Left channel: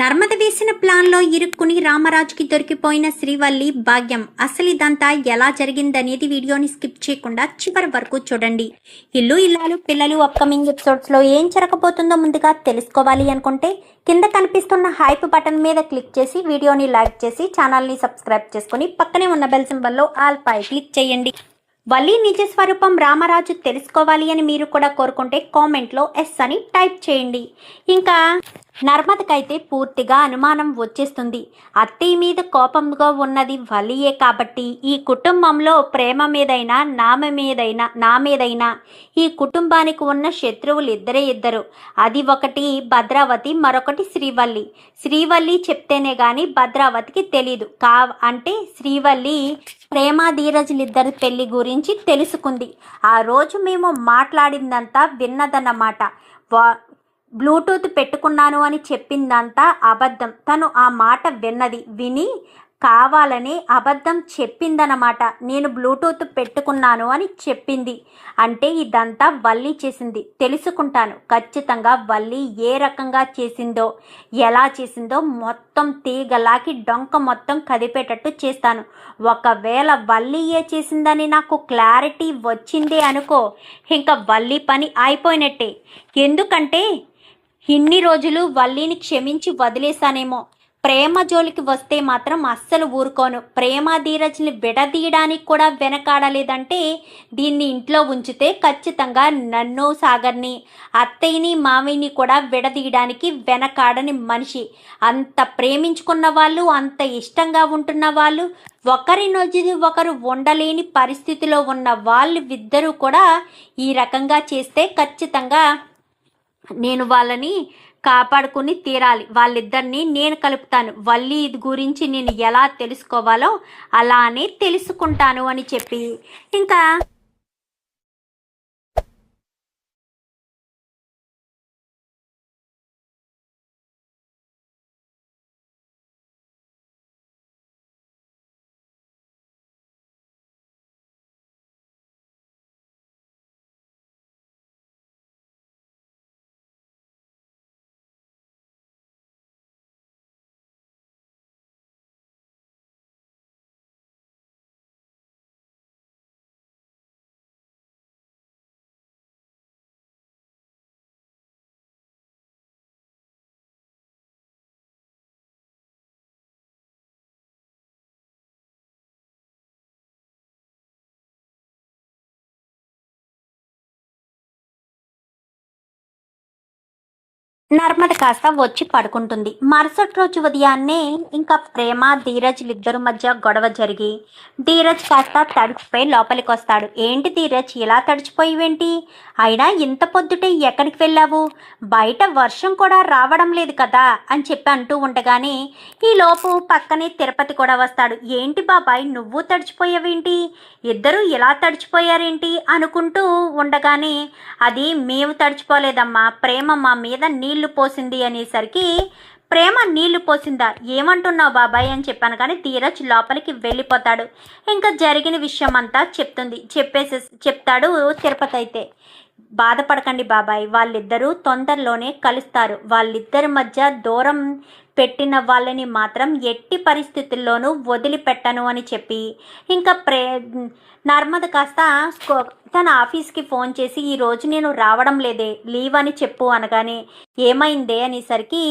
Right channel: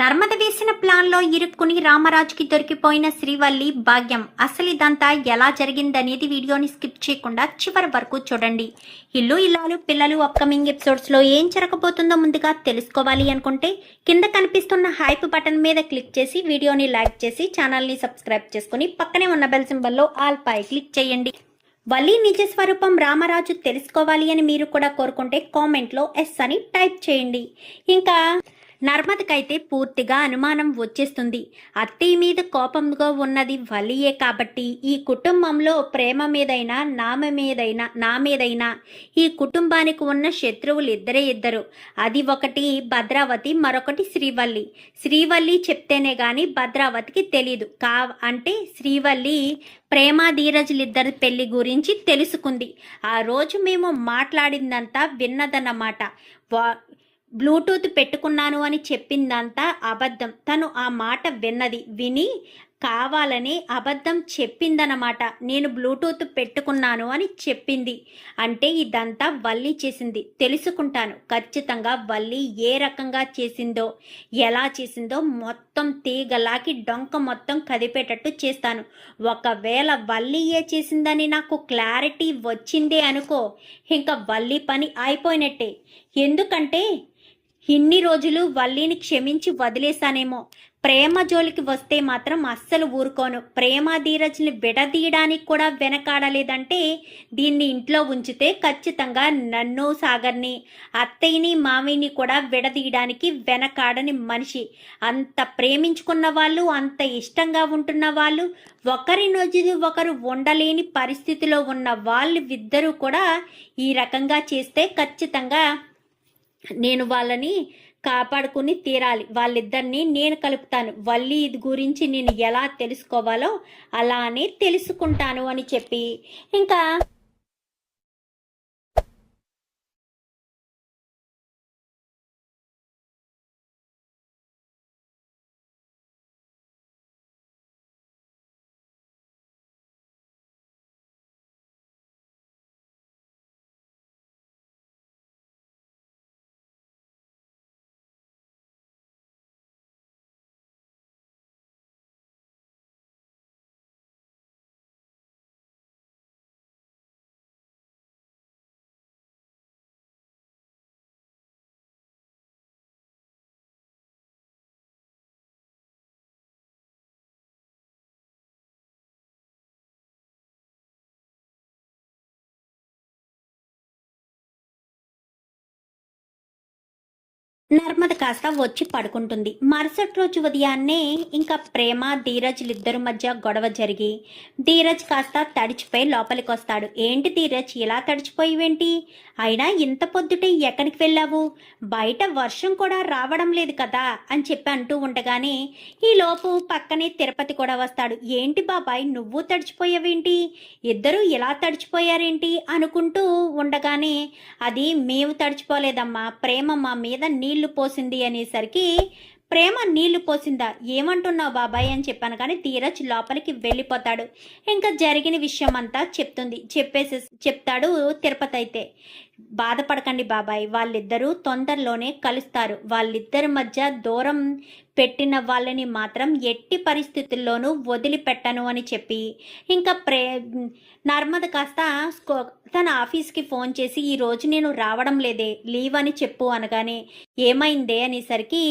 నర్మద వేసిన ప్లాన్లో ఇరుక్కుని రామరాజుకి దొరికిపోయిన శ్రీవల్లి భాగ్యం. అసలు ఇదంతా ఎలా జరిగిందనేది వీడియోని స్కిప్ చేయకుండా చివరి వరకు చూడండి. ఇల్లు ఇల్లాలు పిల్లలు అప్కమింగ్ ఎపిసోడ్స్లో ఏం జరగబోతుందో ముందుగా తెలుసుకోవాలి అనుకుంటే కింద కనిపిస్తున్న హైప్ బటన్ మీద క్లిక్ చేసి వీడియోని లైక్ చేసి ఛానల్ని సబ్స్క్రైబ్ చేసుకుని పక్కనే ఉన్న బెల్ సింబల్లో ఆల్ పై క్లిక్ చేయండి. వల్లి నిజ స్వరూపం రామరాజు తెలుసుకోవాలి అని మీరు కూడా కోరుకుంటే కామెంట్లో ఎస్ అని టైప్ చేయండి. ఇంకా నర్మదకైతే పూర్తిగా అనుమానం వచ్చేస్తుంది. అత్తయ్య మీద కోపంగా ఉన్నది వల్లియే కాబట్టి ఈ కుటుంబంలో ప్రేమ మీదైనా నా మీదైనా ఈ కుటుంబానికి ఉన్న శత్రువులు ఇద్దరు. అది ఒకటి భద్రావతి, మరొకటి శ్రీవల్లి. శ్రీవల్లి చెప్తేనే గాని భద్రావతికి తెలీదు. అంటే శ్రీవల్లి ప్రేమ ధీరజులిద్దరి పెళ్లి గురించి తెలుసుకుంది. ఆ రోజు మేము మాట్లాడిందంతా విన్నదన్నమాట. బ్లూటూత్ పెట్టుకున్నాను అని చెప్పిందంతా అబద్ధం. తను ఆ మాట విని కావాలని అబద్ధం చెప్పిందన్నమాట. నేను బ్లూటూత్ పెట్టుకున్నాను అని చెప్పింది. అంటే ఇదంతా వల్లి చేసింది. తెలుసుకుంటాను ఖచ్చితంగా వల్లి ఏ రకంగా చేసిందో, ఎలా చేసిందో మొత్తం తీగలాకి డొంక మొత్తం కదిపేటట్టు చేస్తాను. ఒకవేళ వల్లియే చేసిందని నాకు క్లారిటీ వచ్చిందే అనుకో, ఇంకా వల్లి పని అయిపోయినట్టే. ఎందుకంటే ఇన్ని రోజులు వల్లిని క్షమించి వదిలేశానేమో, ప్రేమ జోలికి వస్తే మాత్రం అస్సలు ఊరుకోను. ప్రేమ ధీరజ్ని విడదీయడానికి కూడా వెనకాడలేదంటే దీన్ని ఇంట్లో ఉంచితే ఖచ్చితంగా నన్ను, సాగర్ని, అత్తయ్యని, మామయ్యని కూడా విడదీయడానికి వెనకాడని మనిషి. అంత ప్రేమించుకున్న వాళ్ళు, అంత ఇష్టంగా ఉంటున్న వాళ్ళు, ఒకరి రోజులు ఒకరు ఉండలేని పరిస్థితిలో ఉన్న వాళ్ళు ఇద్దరూ కూడా ఈ రకంగా చేస్తే ఖచ్చితంగా నేను వాళ్ళని కాపాడుకుని తీరాలి. వాళ్ళిద్దరిని నేను కలుపుతాను. వల్లి ఇది గురించి నేను ఎలా తెలుసుకోవాలో అలానే తెలుసుకుంటాను అని చెప్పి ఇంకా నర్మద కాస్త వచ్చి పడుకుంటుంది. మరుసటి రోజు ఉదయాన్నే ఇంకా ప్రేమ ధీరజ్లిద్దరి మధ్య గొడవ జరిగి ధీరజ్ కాస్త తడిచిపోయి లోపలికి వస్తాడు. ఏంటి ధీరజ్ ఇలా తడిచిపోయివేంటి? అయినా ఇంత పొద్దుటే ఎక్కడికి వెళ్ళావు? బయట వర్షం కూడా రావడం లేదు కదా అని చెప్పి అంటూ ఉండగానే ఈలోపు పక్కనే తిరుపతి కూడా వస్తాడు. ఏంటి బాబాయ్ నువ్వు తడిచిపోయావేంటి? ఇద్దరు ఇలా తడిచిపోయారేంటి అనుకుంటూ ఉండగానే అది మేము తడిచిపోలేదమ్మా, ప్రేమ మా మీద నీళ్ళు పోసింది అనేసరికి ప్రేమ నీళ్లు పోసిందా? ఏమంటున్నావు బాబాయ్ అని చెప్పాను. కానీ ధీరజ్ లోపలికి వెళ్ళిపోతాడు. ఇంకా జరిగిన విషయం అంతా చెప్తాడు తిరుపతి. అయితే బాధపడకండి బాబాయ్, వాళ్ళిద్దరూ తొందరలోనే కలుస్తారు. వాళ్ళిద్దరి మధ్య దూరం పెట్టిన వాళ్ళని మాత్రం ఎట్టి పరిస్థితుల్లోనూ వదిలిపెట్టను అని చెప్పి ఇంకా నర్మద కాస్త తన ఆఫీస్కి ఫోన్ చేసి ఈరోజు నేను రావడం లేదే, లీవ్ అని చెప్పు అనగానే ఏమైందే అనేసరికి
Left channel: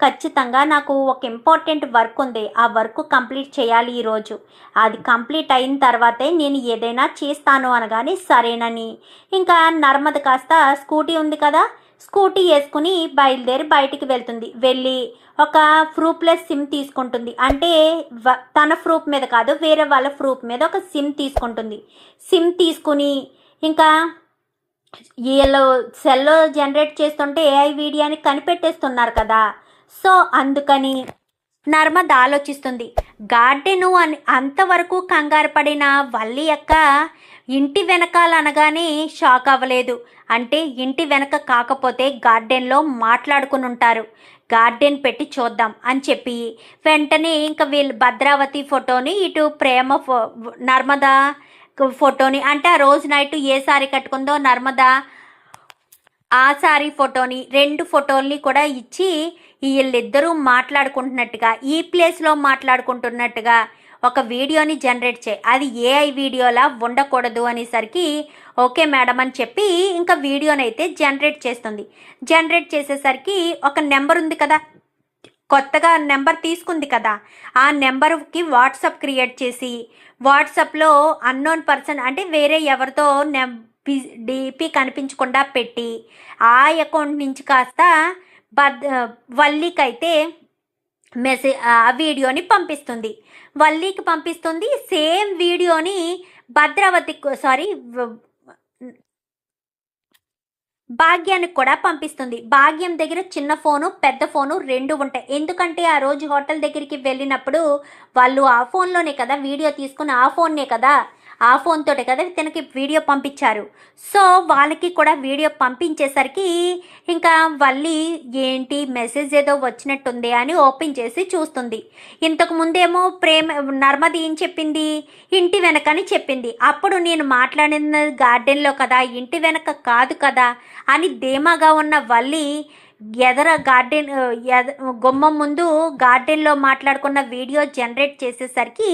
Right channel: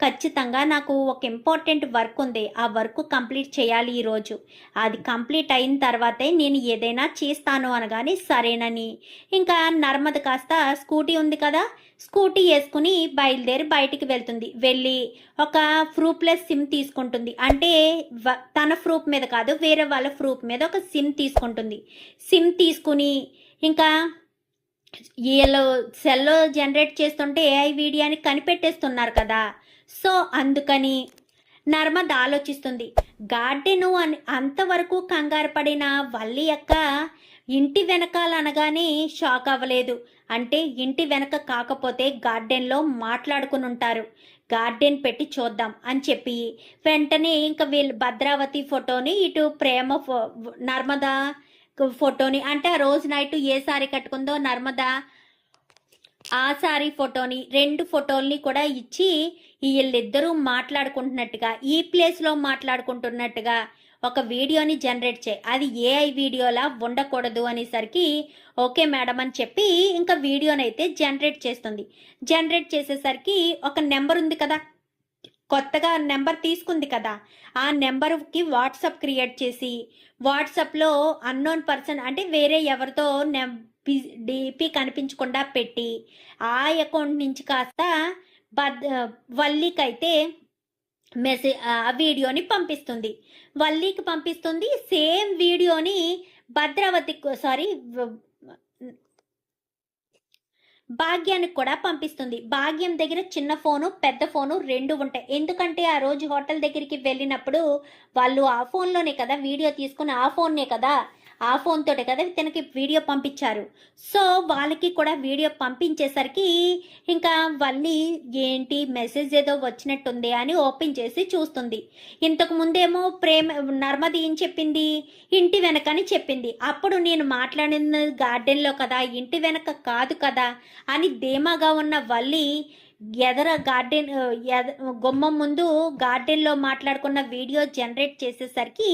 ఖచ్చితంగా నాకు ఒక ఇంపార్టెంట్ వర్క్ ఉంది, ఆ వర్క్ కంప్లీట్ చేయాలి ఈరోజు, అది కంప్లీట్ అయిన తర్వాతే నేను ఏదైనా చేస్తాను అనగానే సరేనని ఇంకా నర్మద కాస్త స్కూటీ ఉంది కదా, స్కూటీ వేసుకుని బయలుదేరి బయటికి వెళ్తుంది. వెళ్ళి ఒక ప్రూఫ్లెస్ సిమ్ తీసుకుంటుంది. అంటే తన ప్రూఫ్ మీద కాదు, వేరే వాళ్ళ ప్రూఫ్ మీద ఒక సిమ్ తీసుకుంటుంది. సిమ్ తీసుకుని ఇంకా వీళ్ళు సెల్ జనరేట్ చేస్తుంటే ఏఐ వీడియోని కనిపెట్టేస్తున్నారు కదా, సో అందుకని నర్మద ఆలోచిస్తుంది. గార్డెను అని అంతవరకు కంగారు పడిన వల్లి యొక్క ఇంటి వెనకాల అనగానే షాక్ అవ్వలేదు. అంటే ఇంటి వెనక కాకపోతే గార్డెన్లో మాట్లాడుకుని ఉంటారు, గార్డెన్ పెట్టి చూద్దాం అని చెప్పి వెంటనే ఇంకా వీళ్ళు భద్రావతి ఫోటోని ఇటు ప్రేమ నర్మద ఫోటోని, అంటే ఆ రోజు నైట్ ఏ సారీ కట్టుకుందో నర్మద ఆ సారీ ఫోటోని 2 ఫోటోల్ని కూడా ఇచ్చి వీళ్ళిద్దరూ మాట్లాడుకుంటున్నట్టుగా ఈ ప్లేస్లో మాట్లాడుకుంటున్నట్టుగా ఒక వీడియోని జనరేట్ చేయి, అది ఏఐ వీడియోలా ఉండకూడదు అనేసరికి ఓకే మేడం అని చెప్పి ఇంకా వీడియోని అయితే జనరేట్ చేస్తుంది. జనరేట్ చేసేసరికి ఒక నెంబర్ ఉంది కదా, కొత్తగా నెంబర్ తీసుకుంది కదా, ఆ నెంబర్కి వాట్సాప్ క్రియేట్ చేసి వాట్సాప్లో అన్నోన్ పర్సన్ అంటే వేరే ఎవరితో డిపి కనిపించకుండా పెట్టి ఆ అకౌంట్ నుంచి కాస్త వల్లికి అయితే ఆ వీడియోని పంపిస్తుంది. వల్లికి పంపిస్తుంది. సేమ్ వీడియోని భాగ్యానికి కూడా పంపిస్తుంది. భాగ్యం దగ్గర చిన్న ఫోను పెద్ద ఫోను 2 ఉంటాయి. ఎందుకంటే ఆ రోజు హోటల్ దగ్గరికి వెళ్ళినప్పుడు వాళ్ళు ఆ ఫోన్లోనే కదా వీడియో తీసుకుని ఆ ఫోన్ తోటే కదా తనకి వీడియో పంపించారు. సో వాళ్ళకి కూడా వీడియో పంపించేసరికి ఇంకా వల్లి ఏంటి మెసేజ్ ఏదో వచ్చినట్టుంది అని ఓపెన్ చేసి చూస్తుంది. ఇంతకు ముందేమో నర్మది ఏం చెప్పింది, ఇంటి వెనకని చెప్పింది. అప్పుడు నేను మాట్లాడిన గార్డెన్లో కదా, ఇంటి వెనక కాదు కదా అని ధీమాగా ఉన్న వల్లి గుమ్మం ముందు గార్డెన్లో మాట్లాడుకున్న వీడియో జనరేట్ చేసేసరికి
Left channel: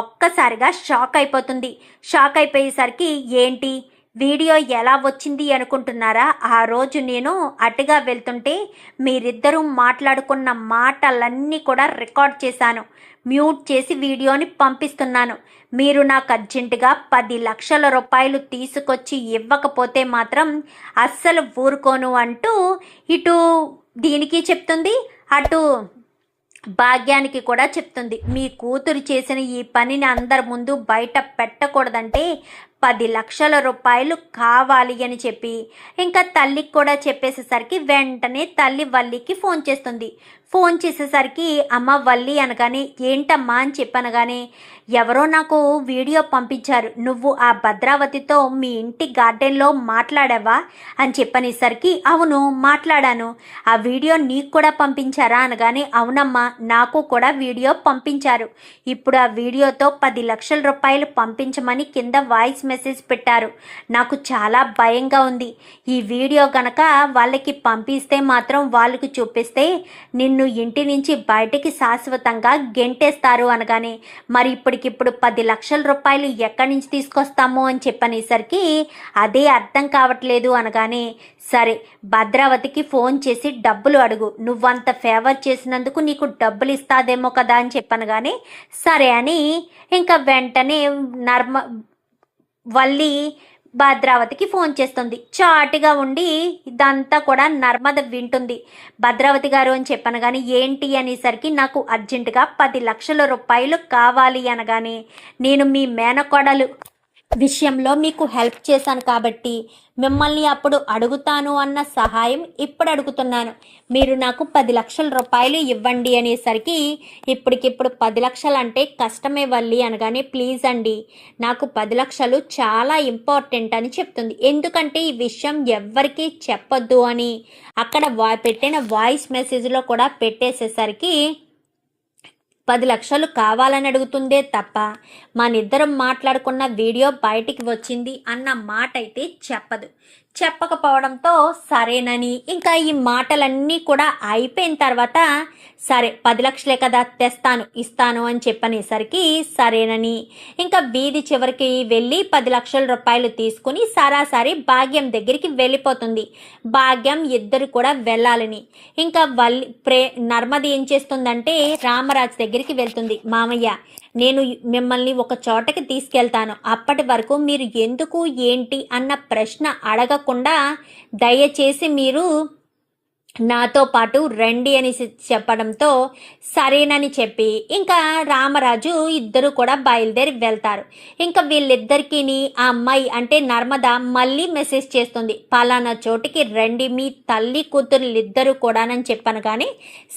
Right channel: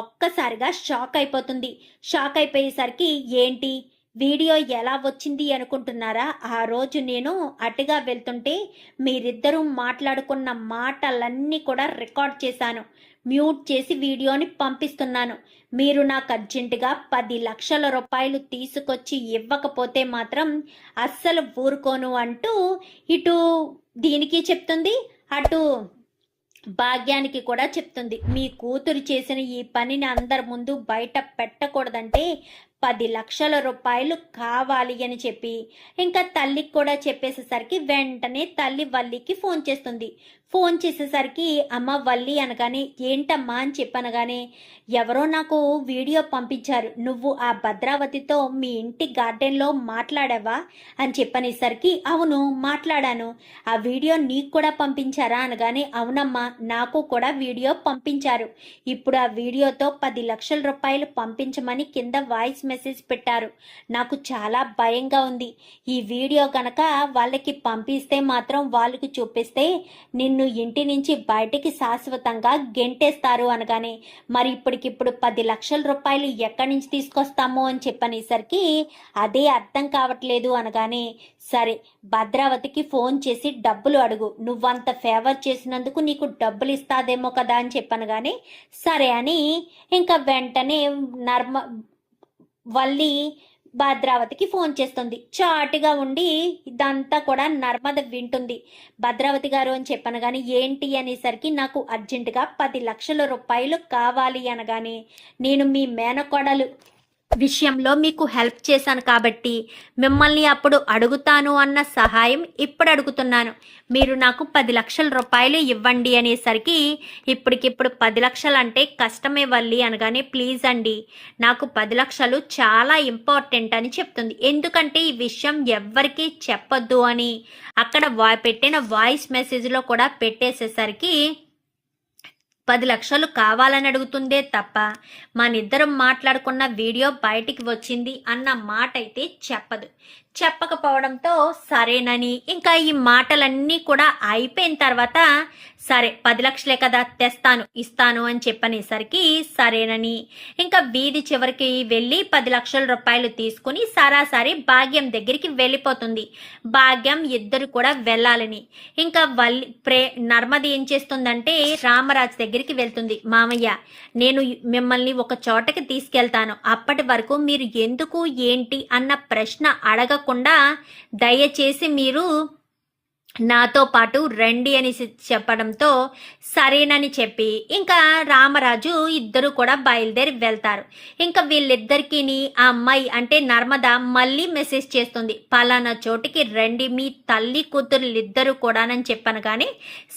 ఒక్కసారిగా షాక్ అయిపోతుంది. షాక్ అయిపోయేసరికి ఏంటి వీడియో ఎలా వచ్చింది అనుకుంటున్నారా? ఆ రోజు నేను అటుగా వెళ్తుంటే మీరిద్దరూ మాట్లాడుకున్న మాటలన్నీ కూడా రికార్డ్ చేశాను, మ్యూట్ చేసి వీడియోని పంపిస్తున్నాను. మీరు నాకు అర్జెంటుగా 10 లక్షల రూపాయలు తీసుకొచ్చి ఇవ్వకపోతే మాత్రం అస్సలు ఊరుకోను అంటూ ఇటు దీనికి చెప్తుంది, అటు భాగ్యానికి కూడా చెప్తుంది. మీ కూతురు చేసిన ఈ పనిని అందరి ముందు బయట పెట్టకూడదంటే 10 లక్షల రూపాయలు కావాలి అని చెప్పి ఇంకా తల్లికి కూడా చెప్పేసేసరికి వెంటనే తల్లి వల్లికి ఫోన్ చేస్తుంది. ఫోన్ చేసేసరికి అమ్మ వల్లి అనగానే ఏంటమ్మా అని చెప్పనగానే ఎవరో నాకు వీడియో పంపించారు, నువ్వు ఆ భద్రావతితో మీ ఇంటి గార్డెన్లో మాట్లాడావా అని చెప్పనేసరికి అవును మాట్లాడాను, ఆ వీడియో నీకు కూడా పంపించారా అనగానే అవునమ్మా నాకు కూడా వీడియో పంపించారు. ఇప్పుడు ఆ వీడియోతో 10 లక్షల రూపాయలు పంపించమని కింద వాయిస్ మెసేజ్ పెట్టారు. నాకు చాలా భయంగా ఉంది. ఈ వీడియో గనక వాళ్ళకి పంపిస్తే మాత్రం వాళ్ళకి చూపిస్తే నిన్ను ఇంటి నుంచి బయటికి శాశ్వతంగా గెంటేస్తారు అనగానే మరి ఇప్పటికిప్పుడు 10 లక్షల రూపాయలు ఎక్కడి నుంచి తీసుకొస్తాము అని చెప్పనేసరికి అదే అర్థం కావట్లేదు అనగానే సరే భద్రావతికి ఫోన్ చేసి డబ్బులు అడుగు, నువ్వంత ఫేవర్ చేసినందుకు నీకు డబ్బులు ఇస్తాదేమో కదా అని చెప్పనగానే సరే అని ఇంకా వెంటనే వల్లి భద్రావతికి ఫోన్ చేస్తుంది. చాటుగా ఉండి ఇదంతా కూడా నర్మద వింటుంది. భద్రావతి గారు అని చెప్పను కానీ ఏంటి అనేసరికి నాకు అర్జెంటుగా 10 లక్షల రూపాయలు కావాలి అనగానే నేను మీ మేనకోడలు విషయంలో మీకు హెల్ప్ చేశాను కాబట్టి మిమ్మల్ని అప్పుడు అడుగుతాను అన్న సహాయం ఇప్పుడు అడుగుతున్నాను, మీరు నాకు 10 లక్షల రూపాయలు ఇవ్వండి అనేసరికి ఇప్పటికిప్పుడు 10 లక్షలు అంటే కష్టమే వల్లి అనగానే ప్లీజ్ అండి నాకు 10 లక్షలు చాలా ఇంపార్టెంట్ అని చెప్తుంది. ఎందుకంటే ఈ విషయం ఎవ్వరికీ చెప్పొద్దు అని అక్కడ పెట్టిన వాయిస్ మెసేజ్లో కూడా పెట్టేసేసరికి 10 లక్షలు కావాలని అడుగుతుందే తప్ప మనిద్దరం మాట్లాడుకున్న వీడియో బయటికి వచ్చింది అన్న మాట అయితే చెప్పకపోవడంతో సరేనని ఇంకా ఈ మాటలన్నీ కూడా అయిపోయిన తర్వాత సరే 10 లక్షలే కదా తెస్తాను ఇస్తాను అని చెప్పనేసరికి సరేనని ఇంకా వీధి చివరికి వెళ్ళి 10 లక్షల రూపాయలు తీసుకుని సరాసరి భాగ్యం దగ్గరికి వెళ్ళిపోతుంది. భాగ్యం ఇద్దరు కూడా వెళ్ళాలని ఇంకా నర్మది ఏం చేస్తుందంటే రామరాజు దగ్గరికి వెళ్తుంది. మామయ్య నేను మిమ్మల్ని ఒక చోటకి తీసుకెళ్తాను, అప్పటి వరకు మీరు ఎందుకు ఏంటి అన్న ప్రశ్న అడగకుండా దయచేసి మీరు నాతో పాటు రండి అని చెప్పడంతో సరేనని చెప్పి ఇంకా రామరాజు ఇద్దరు కూడా బయలుదేరి వెళ్తారు. ఇంకా వీళ్ళిద్దరికీ ఆ అమ్మాయి అంటే నర్మద మళ్ళీ మెసేజ్ చేస్తుంది, పలానా చోటికి రండి మీ తల్లి కూతురులిద్దరూ కూడానని చెప్పాను. కానీ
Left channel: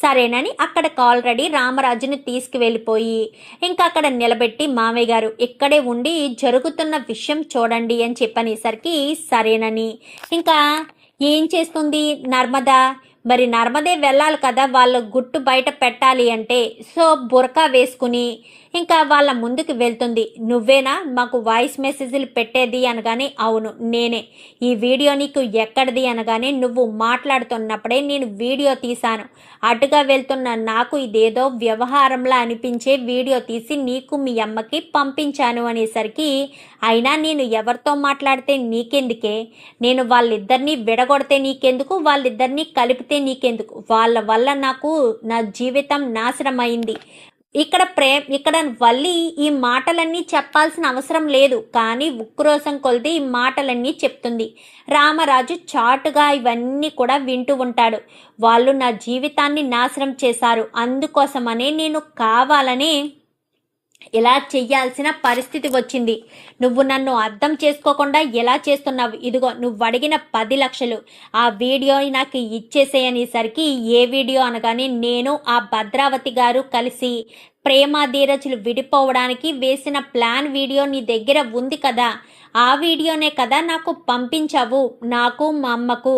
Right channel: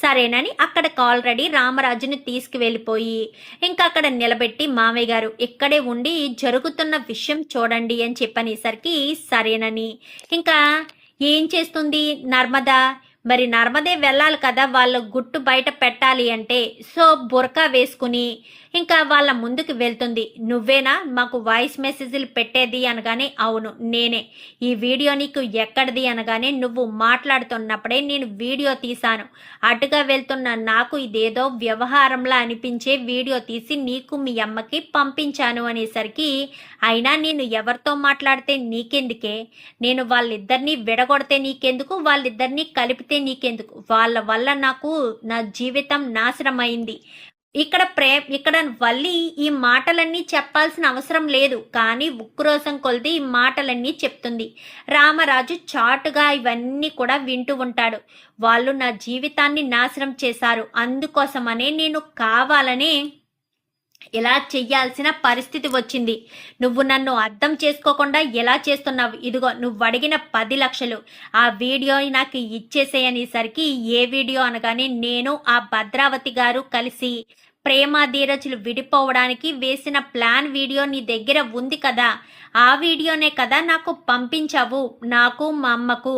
సరేనని అక్కడికి ఆల్రెడీ రామరాజుని తీసుకువెళ్ళిపోయి ఇంకా అక్కడ నిలబెట్టి మామయ్య గారు ఇక్కడే ఉండి జరుగుతున్న విషయం చూడండి అని చెప్పనేసరికి సరేనని ఇంకా ఏం చేస్తుంది నర్మద మరి నర్మదే వెళ్ళాలి కదా, వాళ్ళ గుట్టు బయట పెట్టాలి అంటే. సో బురకా వేసుకుని ఇంకా వాళ్ళ ముందుకు వెళ్తుంది. నువ్వేనా మాకు వాయిస్ మెసేజ్లు పెట్టేది అనగానే, అవును నేనే. ఈ వీడియో నీకు ఎక్కడిది అనగానే, నువ్వు మాట్లాడుతున్నప్పుడే నేను వీడియో తీశాను. అటుగా వెళ్తున్న నాకు ఇదేదో వ్యవహారంలా అనిపించే వీడియో తీసి నీకు మీ అమ్మకి పంపించాను అనేసరికి, అయినా నేను ఎవరితో మాట్లాడితే నీకెందుకే, నేను వాళ్ళిద్దరినీ విడగొడితే నీకెందుకు, వాళ్ళిద్దరినీ కలిపితే నీకెందుకు, వాళ్ళ వల్ల నాకు నా జీవితం నాశనం అయింది. ఇక్కడ వల్లి ఈ మాటలన్నీ చెప్పాల్సిన అవసరం లేదు, కానీ ఉక్రోషం కొలిది ఈ మాటలన్నీ చెప్తుంది. రామరాజు చాటుగా ఇవన్నీ కూడా వింటూ ఉంటాడు. వాళ్ళు నా జీవితాన్ని నాశనం చేశారు, అందుకోసమనే నేను కావాలని ఇలా చెయ్యాల్సిన పరిస్థితి వచ్చింది. నువ్వు నన్ను అర్థం చేసుకోకుండా ఎలా చేస్తున్నావు, ఇదిగో నువ్వు అడిగిన 10 లక్షలు ఆ వీడియో నాకు ఇచ్చేసేయనేసరికి, ఏ వీడియో అనగానే, నేను ఆ భద్రావతి గారు కలిసి ప్రేమ ధీరజులు విడిపోవడానికి వేసిన ప్లాన్ వీడియో నీ దగ్గర ఉంది కదా, ఆ వీడియోనే కదా నాకు పంపించావు, నాకు మా అమ్మకు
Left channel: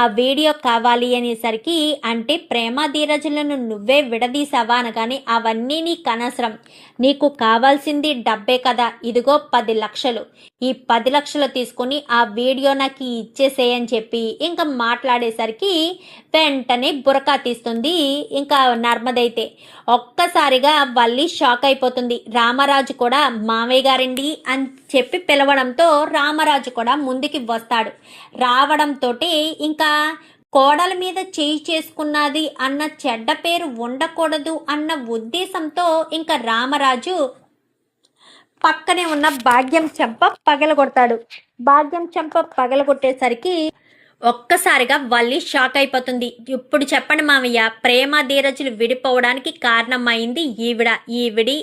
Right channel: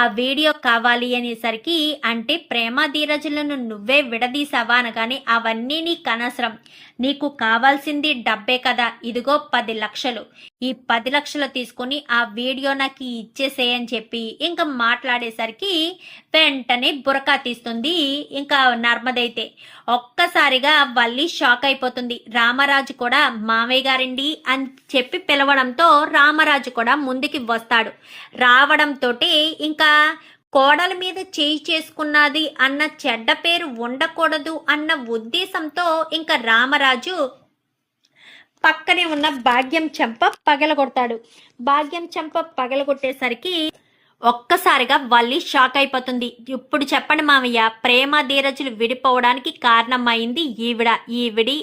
ఆ వీడియో కావాలి అనేసరికి, అంటే ప్రేమ ధీరజులను నువ్వే విడదీసావా అనగానే, అవన్నీ నీకు అనవసరం, నీకు కావాల్సింది డబ్బే కదా, ఇదిగో 10 లక్షలు, ఈ 10 లక్షలు తీసుకొని ఆ వీడియో నాకు ఇచ్చేసేయని చెప్పి ఇంకా మాట్లాడేసరికి వెంటనే బురకా తీస్తుంది ఇంకా నర్మదైతే. ఒక్కసారిగా వల్లి షాక్ అయిపోతుంది. రామరాజు కూడా మామయ్య గారండి అని చెప్పి పిలవడంతో రామరాజు కూడా ముందుకి వస్తాడు. రావడంతో ఇంకా కోడల మీద చేయి చేసుకున్నది అన్న చెడ్డ పేరు ఉండకూడదు అన్న ఉద్దేశంతో ఇంకా రామరాజు పక్కనే ఉన్న భాగ్యం చెంప పగలగొడతాడు. భాగ్యం చెంప పగలగొట్టేసరికి ఒక్కసారిగా వల్లి షాక్ అయిపోతుంది. ఇప్పుడు చెప్పండి మామయ్య, ప్రేమ ధీరజులు విడిపోవడానికి కారణమైంది ఈవిడి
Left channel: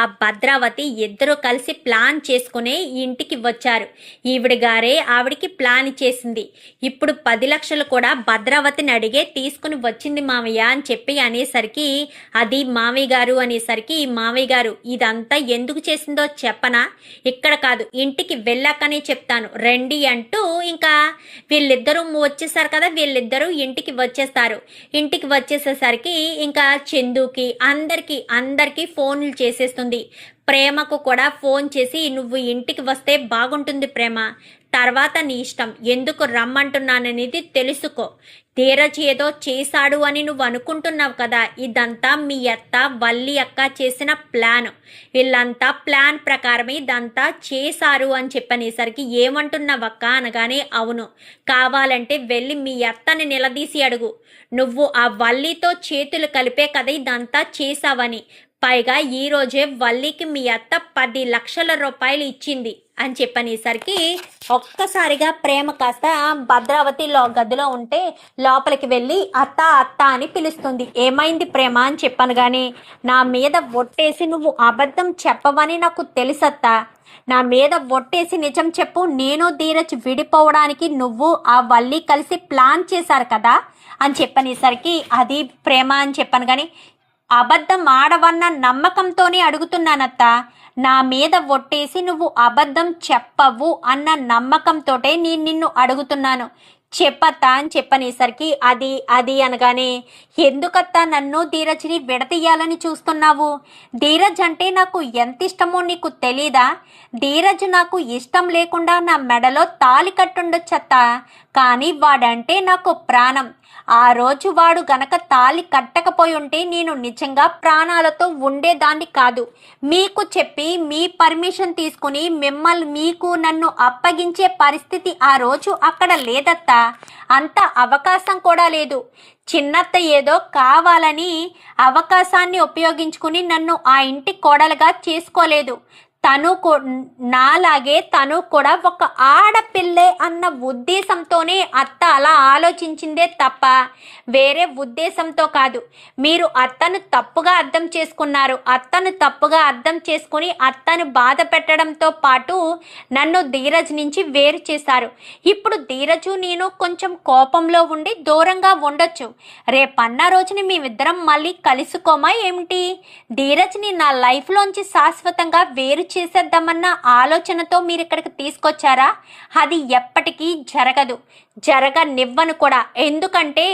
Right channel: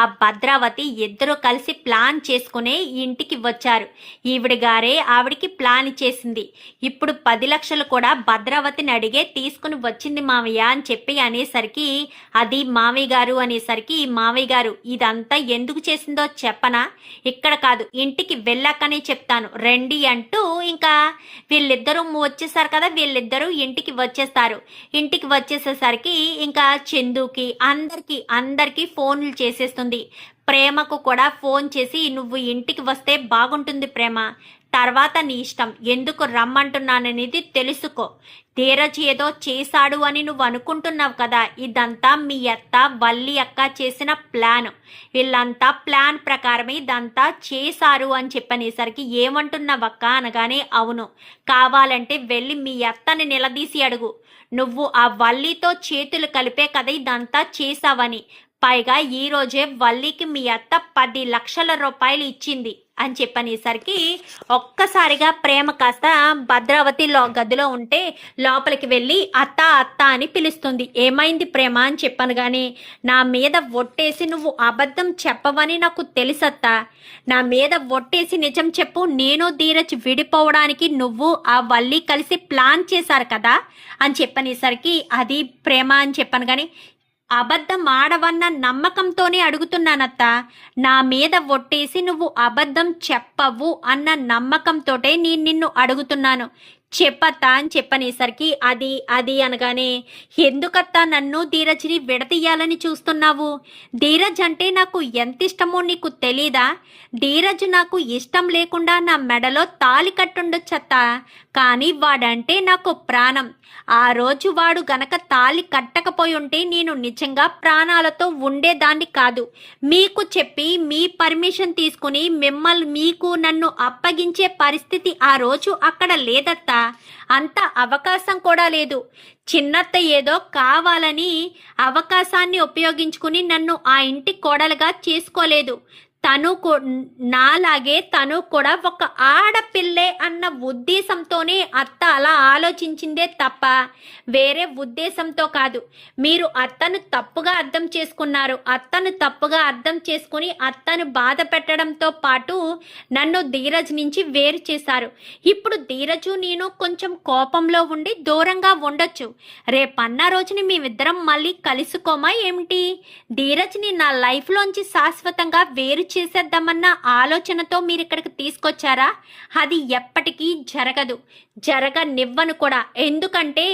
ఆ భద్రావతి ఇద్దరు కలిసి ప్లాన్ చేసుకునే ఇంటికి వచ్చారు. ఈవిడ గారే ఆవిడికి ప్లాన్ చేసింది. ఇప్పుడు 10 లక్షలు కూడా భద్రావతిని అడిగే తీసుకుని వచ్చింది మామయ్య అని చెప్పి అనేసరికి, అది మామయ్య గారు అనేసరికి, మామయ్య గారు ఇదంతా ఎందుకు చేసిందో చెప్పనా, ఇక్కడ కాదు ఇంటికి వెళ్ళాకనే చెప్తాను రండి అంటూ ఇంకా వీళ్ళిద్దరూ వచ్చేసారు కదా, వీళ్ళిద్దరూ ఇంటికి వచ్చేస్తారు. ఇంటికి వచ్చేసేసరికి ఇంకా చందుకి అందరికీ ఫోన్లు చేసేస్తుంది. ప్రేమకు కూడా ఫోన్ చేసి, నువ్వు ఇంటికి వస్తే బాగుంటుంది ప్రేమ, తర్వాత నీ ఇష్టం, ఎందుకు రమ్మంటున్నాననేది తెలుసుకో, ధీరజ్ ఏదో చేశాడు అని నువ్వు అనుకుంటున్నావు కదా, ఇదంతా మీ అత్త వల్లి అక్క చేసిన ప్లాన్, వీళ్ళంతా ప్లాన్ ప్రకారమే ఇదంతా చేశారు అని చెప్పనేసరికి, ఏమంటున్నావక్క అనగానే, అవును కావాలంటే వెళ్ళి మీ అత్తని నిలదీసి అడుగు, నువ్వు ఆ వల్లితో చేతులు కలిపే కదా ఇదంతా చేశావని, పైగా ఈరోజే వల్లికి మీ అత్త 10 లక్షల రూపాయలు ఇచ్చింది అని చెప్పనేసరికి ఒక్కసారిగా ప్రేమ కాస్త భద్రావతిలో గదిలో ఉంటే లోపలికి వెళ్ళి అత్త అత్త అని పిలుస్తుంది. ఏమైంది ప్రేమ అని చెప్పాను కానీ, నా మీద ఒట్టేసి నువ్వు అబద్ధం చెప్పవని నాకు తెలుసత్తా, నా మీద ఒట్టేసి నిజం చెప్పు, నేను ధీరజ్ విడిపోవడానికి నువ్వు ఆ వల్లి కలిసి ప్లాన్ చేశారు కదా అని చెప్పనేసరికి, అది ప్రేమ అని చెప్పాను కానీ, అబద్ధం ఆడవన్న నమ్మకంతోనే అడుగుతున్నానత్త, నా మీద ఒట్టేసి నువ్వు అబద్ధం చెప్పవు అన్న నమ్మకంతోటే నేను నిన్ను అడుగుతున్నాను, చెప్పత్తా అని చెప్పనేసరికి, అది అనగానే, ఎందుకత్తా నన్ను ధీరజ్ని విడతీయాలని చూస్తున్నావు, ధీరజ్ అంటే నాకు ఎంత ఇష్టమో నీకు తెలీదా, ధీరజ్ నాకు ఇష్టం లేకుండా నా మెడలో తాళి కట్టుండొచ్చత్తా, కానీ వాడంటే నాకు ప్రాణం, ఆ రోజు వాడు గనక తాళి కట్టకపోయి ఉంటే నేను నిజంగా ప్రాణాలతో ఉండేదాన్ని కాదు, మీకు చెప్పి మీ పర్మిషన్ తీసుకుని మీకు నన్ను అప్పగించే పరిస్థితి ఆ రోజు అక్కడ లేదత్తా, అంత అవకాశం కూడా లేదు, చిన్నత్త ఏదో కావాలని అవకాశాన్ని ఉపయోగించుకుని నన్ను ఆ ఇంటి కోడలుగా చేసుకోలేదు, నాలాగే తను కూడా ఒక ఆడపిల్లే అన్న ఉద్దేశంతోనే అత్త అలా ఆలోచించిందే తప్ప వేరే ఉద్దేశంతో కాదు. మీరు అత్తను తప్పుగా అర్థం చేసుకున్నారు. అత్తను తప్పుగా అర్థం చేసుకుని అత్తను బాధ పెట్టడంతో పాటు నన్ను ధీరజ్ నుంచి వేరు చేశారు. ఇప్పుడు ధీరజు నేను కొంచెం కోపంలో ఉండి దూరంగా ఉండొచ్చు, రేపన్న రోజున మేమిద్దరం మళ్ళీ కలుసుకోమా ఏమిటి, ధీరజ్ని నా లైఫ్లోంచి శాశ్వతంగా వేరు చేసేద్దామన్న ఆలోచనతో మీరు ఇక్కడికి తీసుకొచ్చారా? అది ఎప్పటికీ జరగదు, జరగనివ్వను కూడా. ఎందుకంటే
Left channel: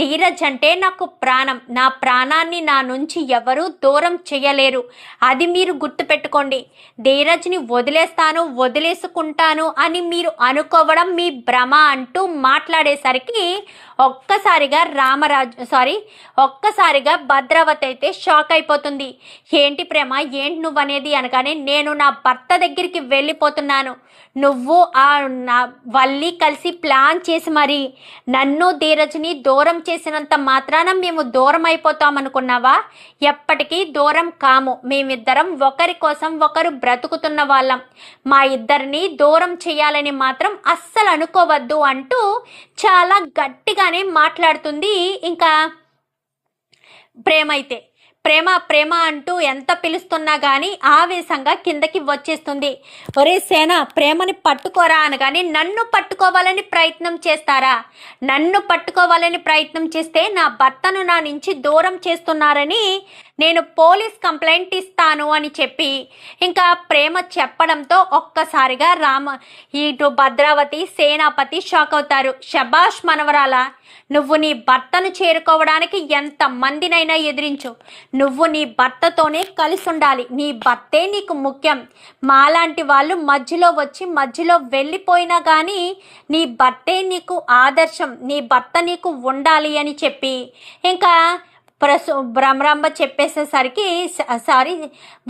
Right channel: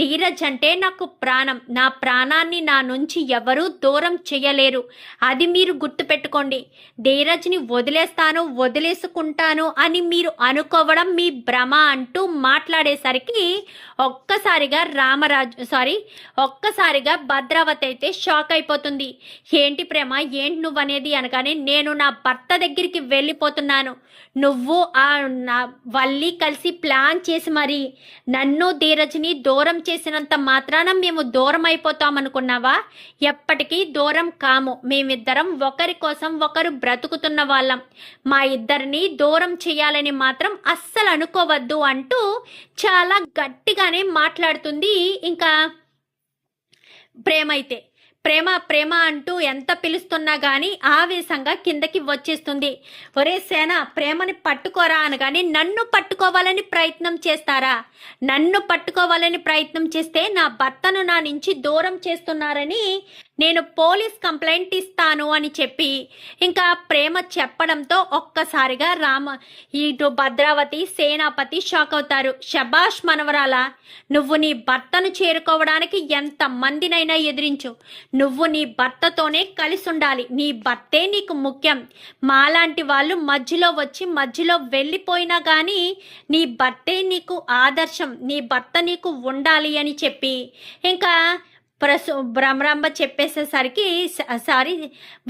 ధీరజ్ అంటే నాకు ప్రాణం. నా ప్రాణాన్ని నా నుంచి ఎవరూ దూరం చేయలేరు. అది మీరు గుర్తుపెట్టుకోండి. ధీరజ్ని వదిలేస్తాను, వదిలేసుకుంటాను అని మీరు అనుకోవడం మీ భ్రమ అంటూ మాట్లాడేసరికి ఒక్కసారిగా భద్రావతి అయితే షాక్ అయిపోతుంది. ఏంటి ప్రేమ, ఏంటి నువ్వు అనేది అనగానే, నేను నా భర్త దగ్గరికి వెళ్ళిపోతున్నాను. నువ్వు నా వల్లి కలిసి ప్లాన్ చేసి మరి నన్ను ధీరజ్ని దూరం చేసినంత మాత్రాన మేము దూరం అయిపోతామనుకున్నావా? ఎప్పటికీ దూరం కాము. మేమిద్దరం ఒకరి కోసం ఒకరు బ్రతుకుతున్న వాళ్ళం. మా ఇద్దరిని దూరం చేయాలని మాత్రం అస్సలు అనుకోవద్దు అంటూ చాలా గట్టిగానే మాట్లాడుతుంది. ఇంకా ప్రేమ అయితే ప్రేమ ప్రేమ అంటూ ఎంత పిలుస్తున్నా కానీ ఆవేశంగా కిందకి వచ్చేస్తుంది. ఒరే సేన, ప్రేమని పట్టుకోరా అనగానే, నన్ను పట్టుకోవాలని ప్రయత్నం చేస్తారా? నన్ను పట్టుకోవాలని ప్రయత్నం చేస్తే నా భర్తను నా నుంచి దూరం చేస్తున్నారని నేను పోలీస్ కంప్లైంట్ ఇస్తాను అని చెప్పి ఇంకా ప్రేమ చెప్పడంతో ఒక్కసారిగా ఇటు భద్రావతి సేనాపతి షాక్ అవుతారు. శబాష్ మనవరాలా, నువ్వు నీ భర్తను చేరుకోవడానికి ఎంత మందినైనా ఎదిరించు. నువ్వు నీ భర్తతోనే కలిసి ఉండాలి. నీ భర్తే నీకు ముఖ్యం. మాలాంటి వాళ్ళు మధ్యలో వచ్చి మధ్యలో వెళ్ళిపోయినా కానీ నీ భర్తే నీకు ఆదర్శం. నీ భర్త నీకు ఉండాలి అని చెప్పి ఇంకా భ్రమరాంబ చెప్పేసేసరికి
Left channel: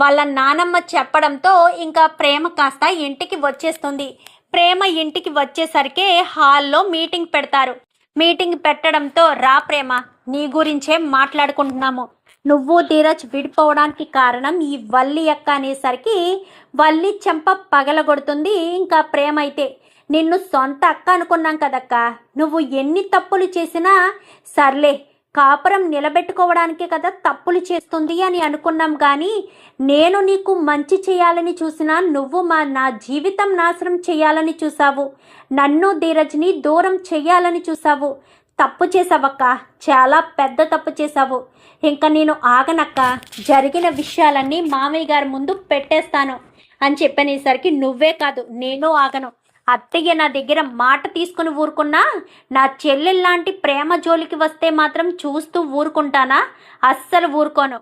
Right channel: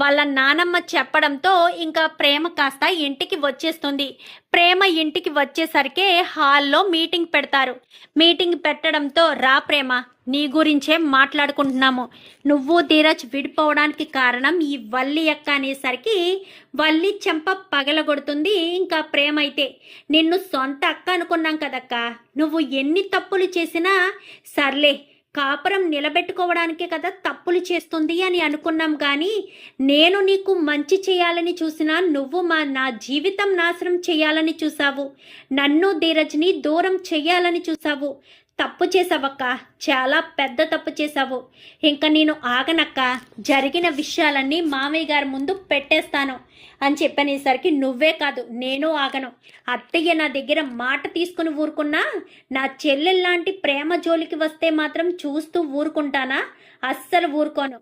వాళ్ళ నానమ్మ చెప్పడంతో ఇంకా ప్రేమ కాస్త ఇంటికి వచ్చేస్తుంది. ప్రేమ ఇంటికి వచ్చేసరికి హాల్లో మీటింగ్ పెడతారు. మీటింగ్ పెట్టడంతో, రా ప్రేమ, నీ గురించే మాట్లాడుకుంటున్నాము. నువ్వు ధీరజ్ విడిపోవడానికి కారణం ఈ వల్లి అక్క అనేసరికి వల్లి చెంప పగలగొడుతుంది. ఇంకా ప్రేమ అయితే, నిన్ను సొంత అక్క అనుకున్నాం కదక్క, నువ్వు ఎన్ని తప్పులు చేసినా సర్లే, కాపురం నిలబెట్టుకోవడానికే కదా తప్పులు చేస్తుంది అని అనుకున్నాం. కానీ నేను నీకు మంచి చేయాలని చూసినా నువ్వు నా జీవితం నాశనం చేయాలని చూసావు. నన్ను ధీరజ్ని దూరం చేయాలని చూసావు. తప్పు చేసావక్క, చాలా పెద్ద తప్పు చేసావు. ఇంకా నేను ఆగనక్క, జరిగిన విషయాలన్నీ మామయ్య గారి ముందు పెట్టేస్తాను అని చెప్పనేసరికి, నువ్వే కాదు నేను ఆగను. అత్తయ్య నా దగ్గర మాట తీసుకుని ఊరుకున్నా, నా చెల్లెల్లాంటి ప్రేమ జోలికి వస్తే మాత్రం చూస్తూ ఊరుకుంటానా? అస్సలు ఊరుకోను.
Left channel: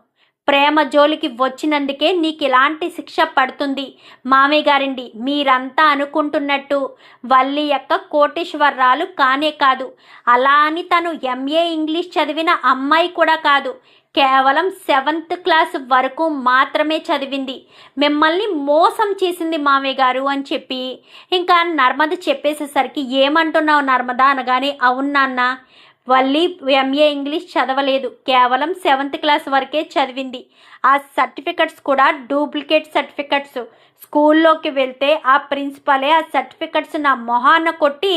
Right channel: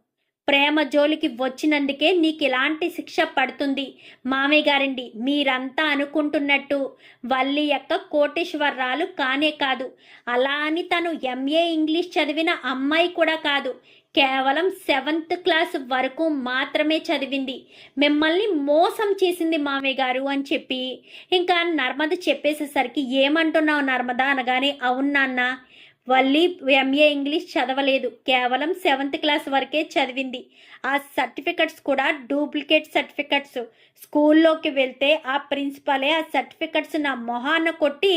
ప్రేమ జోలికి వచ్చినందుకే నీకు ఇలాంటి శిక్ష పడుతుంది. మామయ్య గారండి, మీరంతా అనుకుంటున్నట్టు వల్లి యొక్క కోటేశ్వరరాలు కానే కాదు. అలా అని తను ఎంఏ ఇంగ్లీష్ చదివిన అమ్మాయి కూడా కాదు. కేవలం 7th క్లాస్ వరకు మాత్రమే చదివింది. మిమ్మల్ని మోసం చేసింది మామయ్య గారు అని చెప్పి ఇంకా నర్మద చెప్పేసేసరికి, ఏమంటున్నావు నర్మద అనగానే, అవును నాన్న, వల్లి ఎంఏ ఇంగ్లీష్ చదవలేదు, కేవలం 7th క్లాస్ వరకే చదివింది. ఆ సర్టిఫికెట్స్ కూడా డూప్లికేట్ సర్టిఫికెట్స్. స్కూల్లోకి వెళ్తే ఆ ప్రిన్సిపలే ఆ సర్టిఫికెట్స్ నా మొహాన కొట్టి,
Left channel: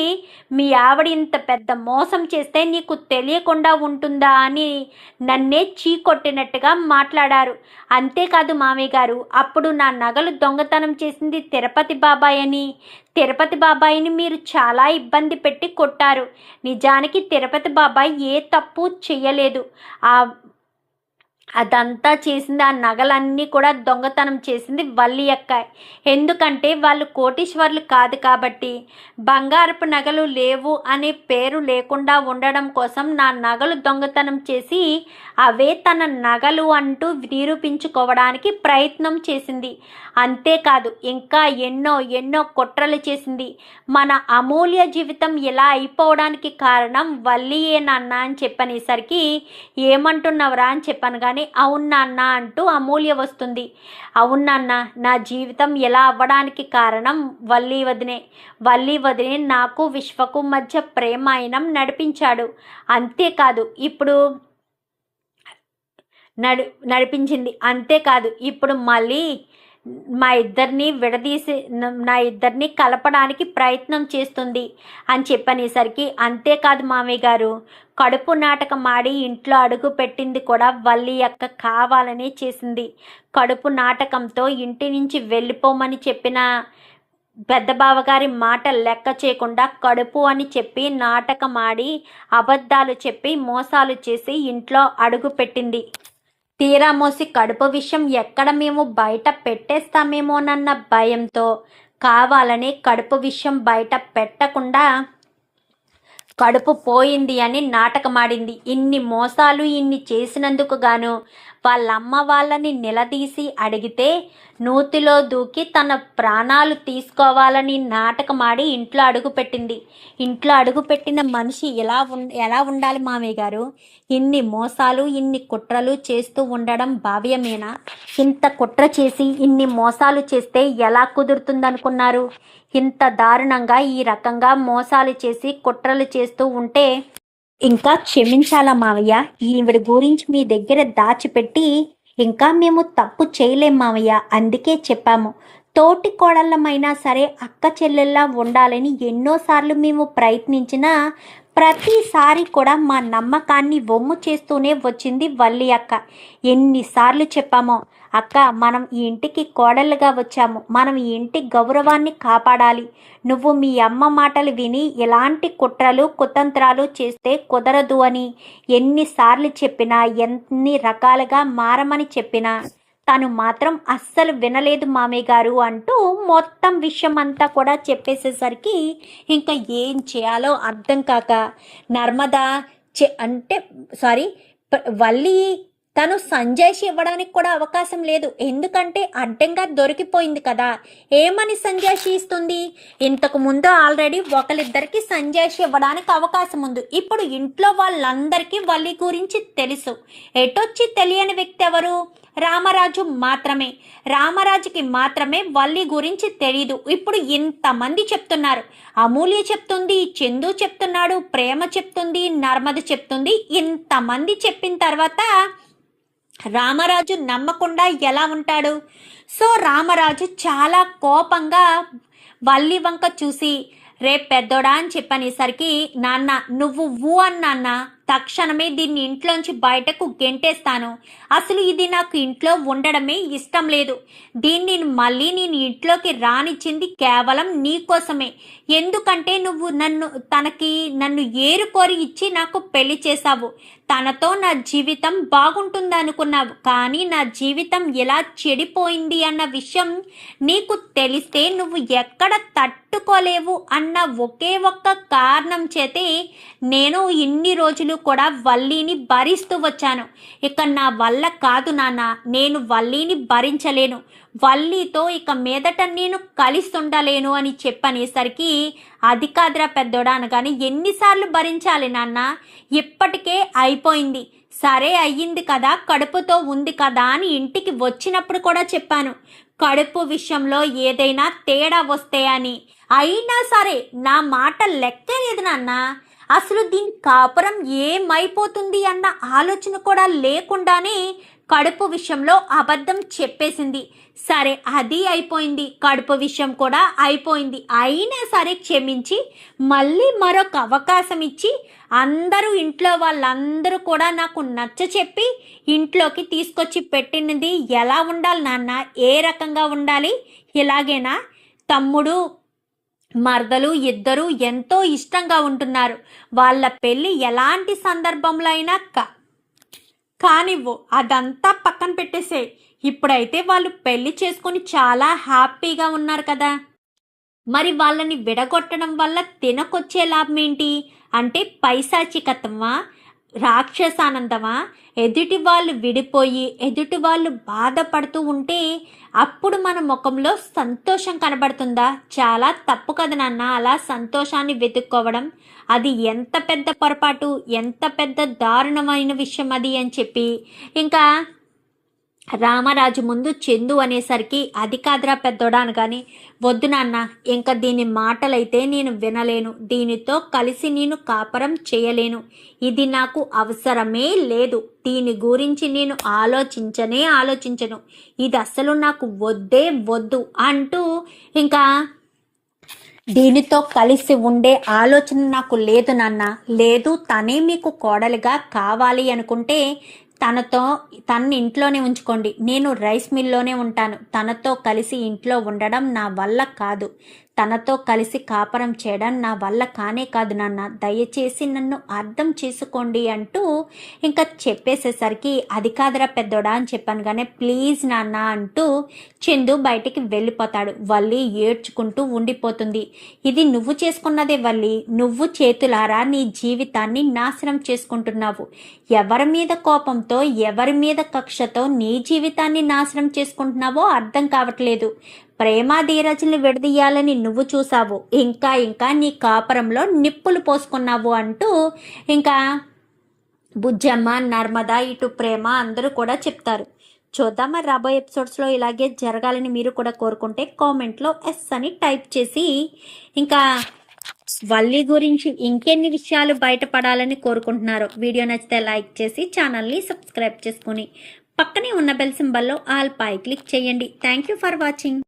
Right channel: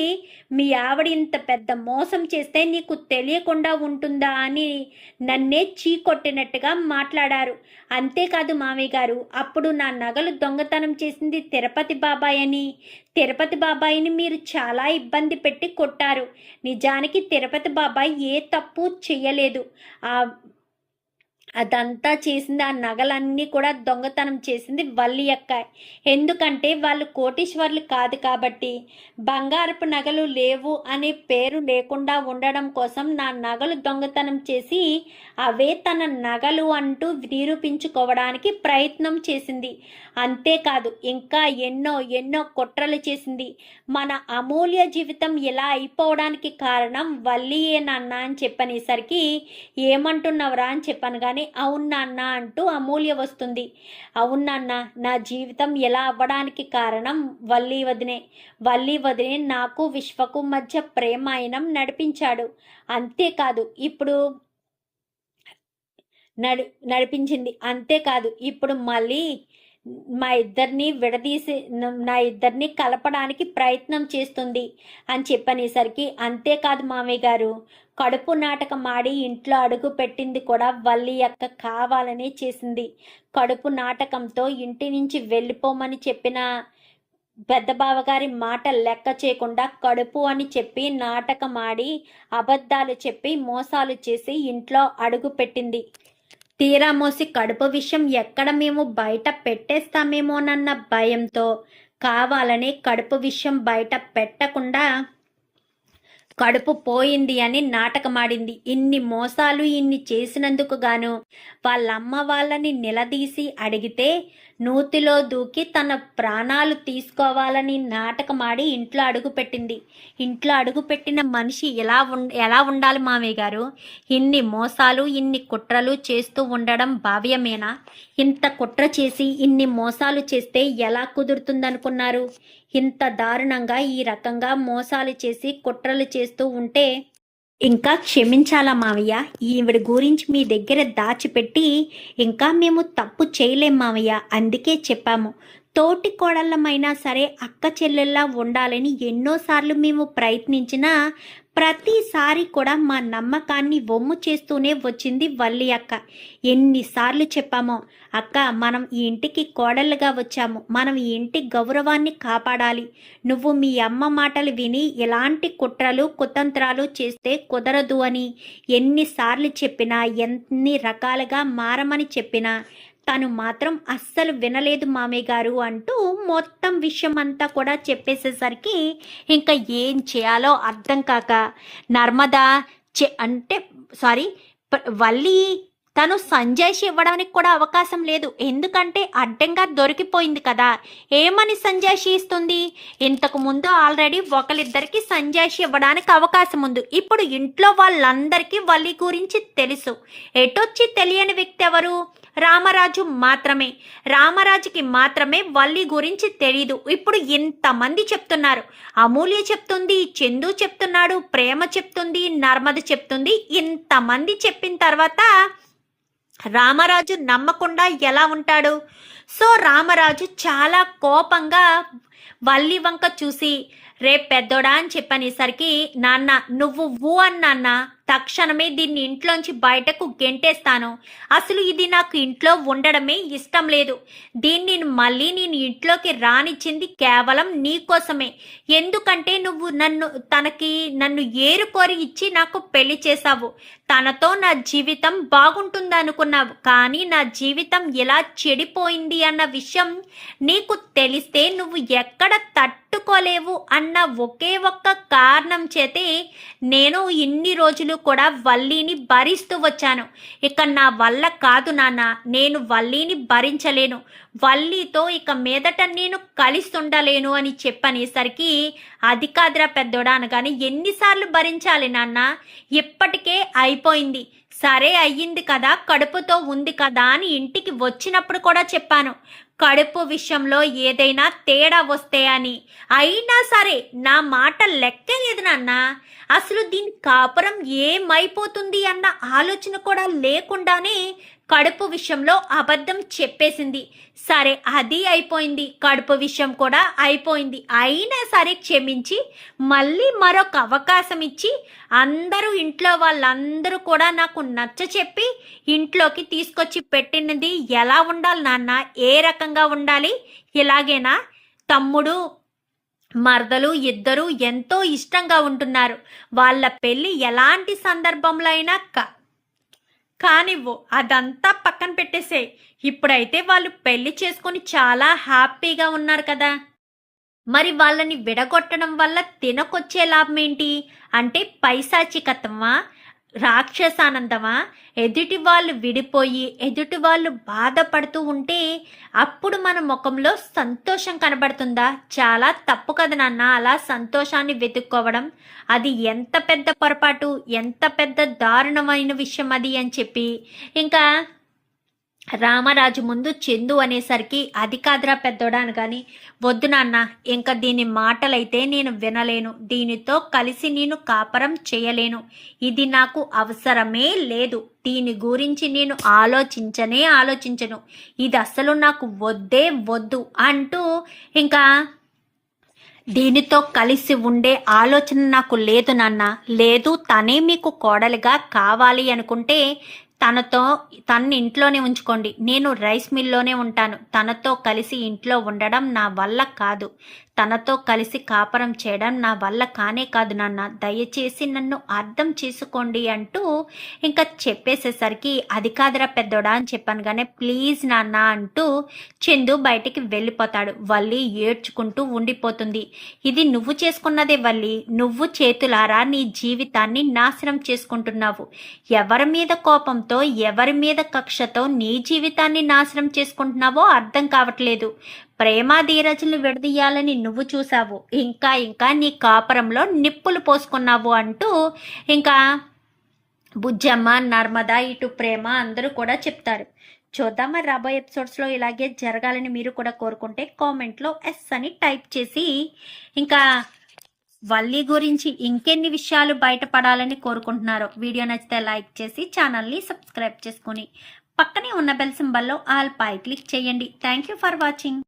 మీ ఆవిడ ఇంత పెద్ద మోసం చేస్తే నీకు తెలియకుండా ఉంటుందా అని నన్నే చీకొట్టినట్టుగా మాట్లాడారు. అంతేకాదు మామయ్య గారు, అప్పుడు నా నగలు దొంగతనం చేసింది తిరుపతి బాబాయ్ అని, తిరుపతి బాబాయిని మీరు చాలా ఇబ్బంది పెట్టి కొట్టారు. నిజానికి తిరుపతి బాబాయ్ ఏ తప్పు చేయలేదు. అదంతా చేసింది, ఆ నగలన్నీ కూడా దొంగతనం చేసింది వల్లి అక్క. ఎందుకంటే వాళ్ళు కోటీశ్వర్లు కాదు కాబట్టి. బంగారపు నగలు లేవు అనే పేరు లేకుండా ఉండడం కోసం నా నగలు దొంగతనం చేసి అవే తన నగలు అంటూ నిరూపించుకోవడానికి ప్రయత్నం చేసింది. అంతేకాదు ఇంకా ఎన్నో ఎన్నో కుట్రలు చేసింది. మన అమూల్య జీవితం ఇలా అయిపోవడానికి కారణం వల్లియే నాన్న అని చెప్పనేసరికి, ఏమంటున్నావురా అని చెప్పాను. కానీ అవును నాన్న అంటూ అమూల్య వస్తుంది. అవును నాన్న, నా జీవితం ఎలా అవ్వడానికి కారణం వల్లి వదినే నాకు విశ్వకు మధ్య ప్రేమాయణం నడిపించాడు. అంతేకాదు ఇప్పుడు నడిపించింది. అంతేకాదు ఇప్పుడు మళ్ళీ నా ఇద్దరిని కలపడానికి ప్రయత్నం చేస్తుంది అని చెప్పనేసరికి, అంతేకాదు మామయ్య గారు, కడుపు నాటకం ఆడి ఇంట్లో అడుగు పెట్టింది కూడా వల్లి అక్క కావాలనే చేసింది. కడుపు నాటకంతో ఇంటి నుంచి వెళ్ళిపోమని చెప్పిన పెద్ద బావగారి మాట లెక్క చేయకుండా కడుపు అని చెప్పి నాటకం ఆడి అబద్ధాలు చెప్పి మోసాలు చేసి ఇంట్లో అడుగు పెట్టింది. తీరా మోసి కడుపు విషయం ఎక్కడ మేము బయట పెట్టేస్తామేమోనన్న భయంతో కావాలని కడుపు విషయం బయట పెట్టకుండా కడుపు పోయింది అని నాటకమాడింది. ఇన్ని మోసాలు ఇన్ని చేసినందుకు గాను వాళ్ళమ్మ వాళ్ళని నిలదీసి అడిగితే నూతిలో దూకి తన ప్రాణాలు తీసుకోవాలని నాటకమాడి ఇంట్లో అడుగుపెట్టింది. ఇంట్లో అడుగుపెట్టిన మనిషి ఎలా ఉండాలి మామయ్య గారు? ఇన్ని మోసాలు ఇన్ని కుట్రలు చేస్తూ ఉండడం భావ్యమేనా? ఇంత కుట్ర చేసి ఇన్ని మోసాలు చేస్తే ఎలా కుదురుతుందనుకున్నారు? ఇంత దారుణంగా ఈ రకంగా మోసాలు చేసి కుట్రలు చేస్తూ ఉంటే ఇంకా క్షమించాలా మావయ్య? ఈవిడ గురించి మీ దగ్గర దాచిపెట్టి ఇంకా మేము తప్పు చేయలేం మావయ్య. అందుకే చెప్పాము, తోటి కోడళ్ళమైనా సరే అక్క చెల్లెల్లా ఉండాలని ఎన్నోసార్లు మేము ప్రయత్నించినా ప్రతిసారి కూడా మా నమ్మకాన్ని వమ్ము చేస్తూనే వచ్చింది వల్లి అక్క. ఎన్నిసార్లు చెప్పామో, అక్క మనం ఈ ఇంటికి కోడళ్ళుగా వచ్చాము, మనం ఈ ఇంటి గౌరవాన్ని కాపాడాలి, నువ్వు మీ అమ్మ మాటలు విని ఎలాంటి కుట్రలు కుతంత్రాలు చేస్తే కుదరదు అని ఎన్నిసార్లు చెప్పినా ఎన్ని రకాలుగా మారమని చెప్పినా తను మాత్రం అస్సలు వినలేదు మామయ్య గారు అంటూ మొత్తం విషయం అంతా కూడా చెప్పేసేసరికి ఇంకా ఏం చేయాలో అర్థం కాక నర్మదా వల్లి తను సంజయ్షి ఇవ్వడానికి కూడా అవకాశం లేదు. ఎందుకంటే అడ్డంగా దొరికిపోయింది కదా. ఏమని సంజయ్షి ఇస్తుంది? ఇంతకు ముందు ఆల్రెడీ ఒకరిద్దరికి సంజయ్షి ఇవ్వడానికి అవకాశం ఉంది. ఇప్పుడు ఇంట్లో వాళ్ళందరికీ వల్లి గురించి తెలుసు. ఎటొచ్చి తెలియని వ్యక్తి ఎవరు? రామరాజు మాత్రమే. రామరాజుకి మాత్రమే వల్లి గురించి తెలీదు. ఇప్పుడు ఇంతమంది చెప్తున్నారు. అమూల్య చెప్తుంది, చందు చెప్తున్నాడు, ప్రేమ చెప్తుంది, నర్మద చెప్తుంది. ఇంతమంది చెప్పిన తర్వాత రామరాజు నమ్మకుండా ఎలా ఉంటాడు? సో రామరాజు చాలా కోపంగా వల్లి వంక చూసి, రేపు పెద్దోడా అని చెప్పనేసరికి, నాన్న నువ్వు ఊ అన్న తక్షణమే దీన్ని ఇంట్లోంచి బయటకు గెంటేస్తాను. అసలు ఇది నాకు ఇంట్లో ఉండడమే ఇష్టం లేదు. దీన్ని మళ్ళీ నేను ఇంట్లోకి రానిచ్చింది కేవలం నీకోసమే. ఎందుకంటే నువ్వు నన్ను ఏరుకోరి ఇచ్చి నాకు పెళ్లి చేశావు. తనతో నా జీవితం బాగుంటుంది అనుకున్నావు. కానీ నా జీవితం ఎలా చెడిపోయింది అన్న విషయం నీకు తెలిస్తే నువ్వు ఎక్కడ తట్టుకోలేవు అన్న ఒకే ఒక్క కారణం చేతే నేను ఇన్ని రోజులు కూడా వల్లిని భరిస్తూ వచ్చాను. ఇక నా వల్ల కాదు నాన్న, నేను వల్లిని భరించలేను. వల్లితో ఇక మీదట నేను కలిస్తుండలేను అని చెప్పనేసరికి, అది కాదురా పెద్దోడా అనగానే, ఎన్నిసార్లు భరించాలి నాన్న? ఇప్పటికే అయిపోయింది. సరే అయ్యింది కదా, కడుపుతో ఉంది కదా అని ఇంటికి వచ్చినప్పుడు కూడా చెప్పాను, కడుపు విషయంలో ఏదైనా తేడా వస్తే అని. అయినా సరే నా మాట లెక్కే లేదు నాన్న. అసలు దీని కాపురం ఏమైపోతుంది అన్న ఆలోచన కూడా లేకుండానే కడుపు విషయంలో అబద్ధం చెప్పేసింది. సరే అది అయిపోయింది, కడుపు విషయం కూడా అయిపోయింది. అయినా సరే క్షమించి మళ్ళీ మరొక అవకాశం ఇచ్చి అందరూ ఇంట్లో వాళ్ళందరూ కూడా నాకు నచ్చ చెప్పి ఇంట్లోకి తీసుకొచ్చి పెట్టినది ఎలా ఉండాలి నాన్న? ఏ రకంగా ఉండాలి? ఇలాగేనా? తమ్ముడు మరదలు ఇద్దరు ఎంతో ఇష్టంగా ఉంటున్నారు. వాళ్ళ పెళ్ళి ఎలాంటి సందర్భంలో అయినా కానివ్వు, అదంతా పక్కన పెట్టేసే. ఇప్పుడైతే వాళ్ళు పెళ్లి చేసుకొని చాలా హ్యాపీగా ఉన్నారు కదా. మరి వాళ్ళని విడగొట్టడం వల్ల తినకొచ్చే లాభం ఏంటి? అంటే పైశాచికత్వమా, రాక్షసానందమా? ఎదుటి వాళ్ళు విడిపోయి ఎదుటి వాళ్ళు బాధపడుతూ ఉంటే అప్పుడు మన ముఖంలో సంతోషం కనబడుతుందా? చాలా తప్పు కదా నాన్న అలా సంతోషాన్ని వెతుక్కోవడం. అది ఎంత పెద్ద పొరపాటు, ఎంత పెద్ద దారుణమైన విషయం అది అని చెప్పి ఇంకా రామరాజు ముందు చందు అనేసరికి, అది కాదురా పెద్దోడా అనగాని, వద్దు నాన్న, ఇంకా దీని మాటలైతే నేను వినలేను. దీనితో కలిసి నేను కాపరం చేయలేను. ఇది నాకు అవసరమే లేదు. దీని గురించి నేను ఆలోచించను. ఇది అస్సలు నాకు వద్దే వద్దు అంటూ ఇంకా దీనితో కలిసి ఉండే ఆలోచన నాకు లేదు నాన్న. లేదు, తనే మీకు కోడలిగా కావాలి అనుకుంటే తన ఇంట్లోనే ఉంచుకోండి. నేను రైస్ మిల్లోనే ఉంటాను. తనతో కలిసి ఇంట్లో ఉండడం నా వల్ల కాదు. తనతో కలిసి కాపురం చేయడం నా వల్ల కానే కాదు నాన్న, దయచేసి నన్ను అర్థం చేసుకోండి అంటూ ఇంకా చెప్పేసేసరికి అది కాదురా పెద్దోడా అని చెప్పాను కానీ ప్లీజ్ నాన్న అంటూ చందు బయటికి వెళ్ళిపోతాడు. వల్లి ఏడ్చుకుంటూ ఉండిపోతుంది. ఇది నువ్వు చేసుకున్నదే వల్లి, నువ్వు చేతులారా నీ జీవితాన్ని నాశనం చేసుకుంటున్నావు. ఎవరి మీద కోపంతో ఎవరి మీద కక్షతో నీ జీవితాన్ని నాశనం చేసుకుంటున్నావో అర్థం కావట్లేదు. ప్రేమ ధీరజుల్ని విడదీయాలని నువ్వు చూసావు, ఇంకా ఇంకా నీ కాపురంలో నిప్పులు పోసుకున్నావు అంటూ ఇంకా బుజ్జమ్మ, నర్మద, ఇటు ప్రేమ అందరూ కూడా చెప్తారు. చూద్దాం మరి రాబోయే ఎపిసోడ్స్లో ఇలాగే జరగాలని మీరు కూడా కోరుకుంటే కామెంట్లో ఎస్ అని టైప్ చేసి ఇంకా వల్లి గురించి ఇంకెన్ని విషయాలు బయటపడాలని కోరుకుంటున్నారో వీడియో నచ్చితే లైక్ చేసి ఛానల్ని సబ్స్క్రైబ్ చేసుకుని పక్కనే ఉన్న బెల్ సింబల్లో ఆల్ పై క్లిక్ చేయండి. Thank you for watching.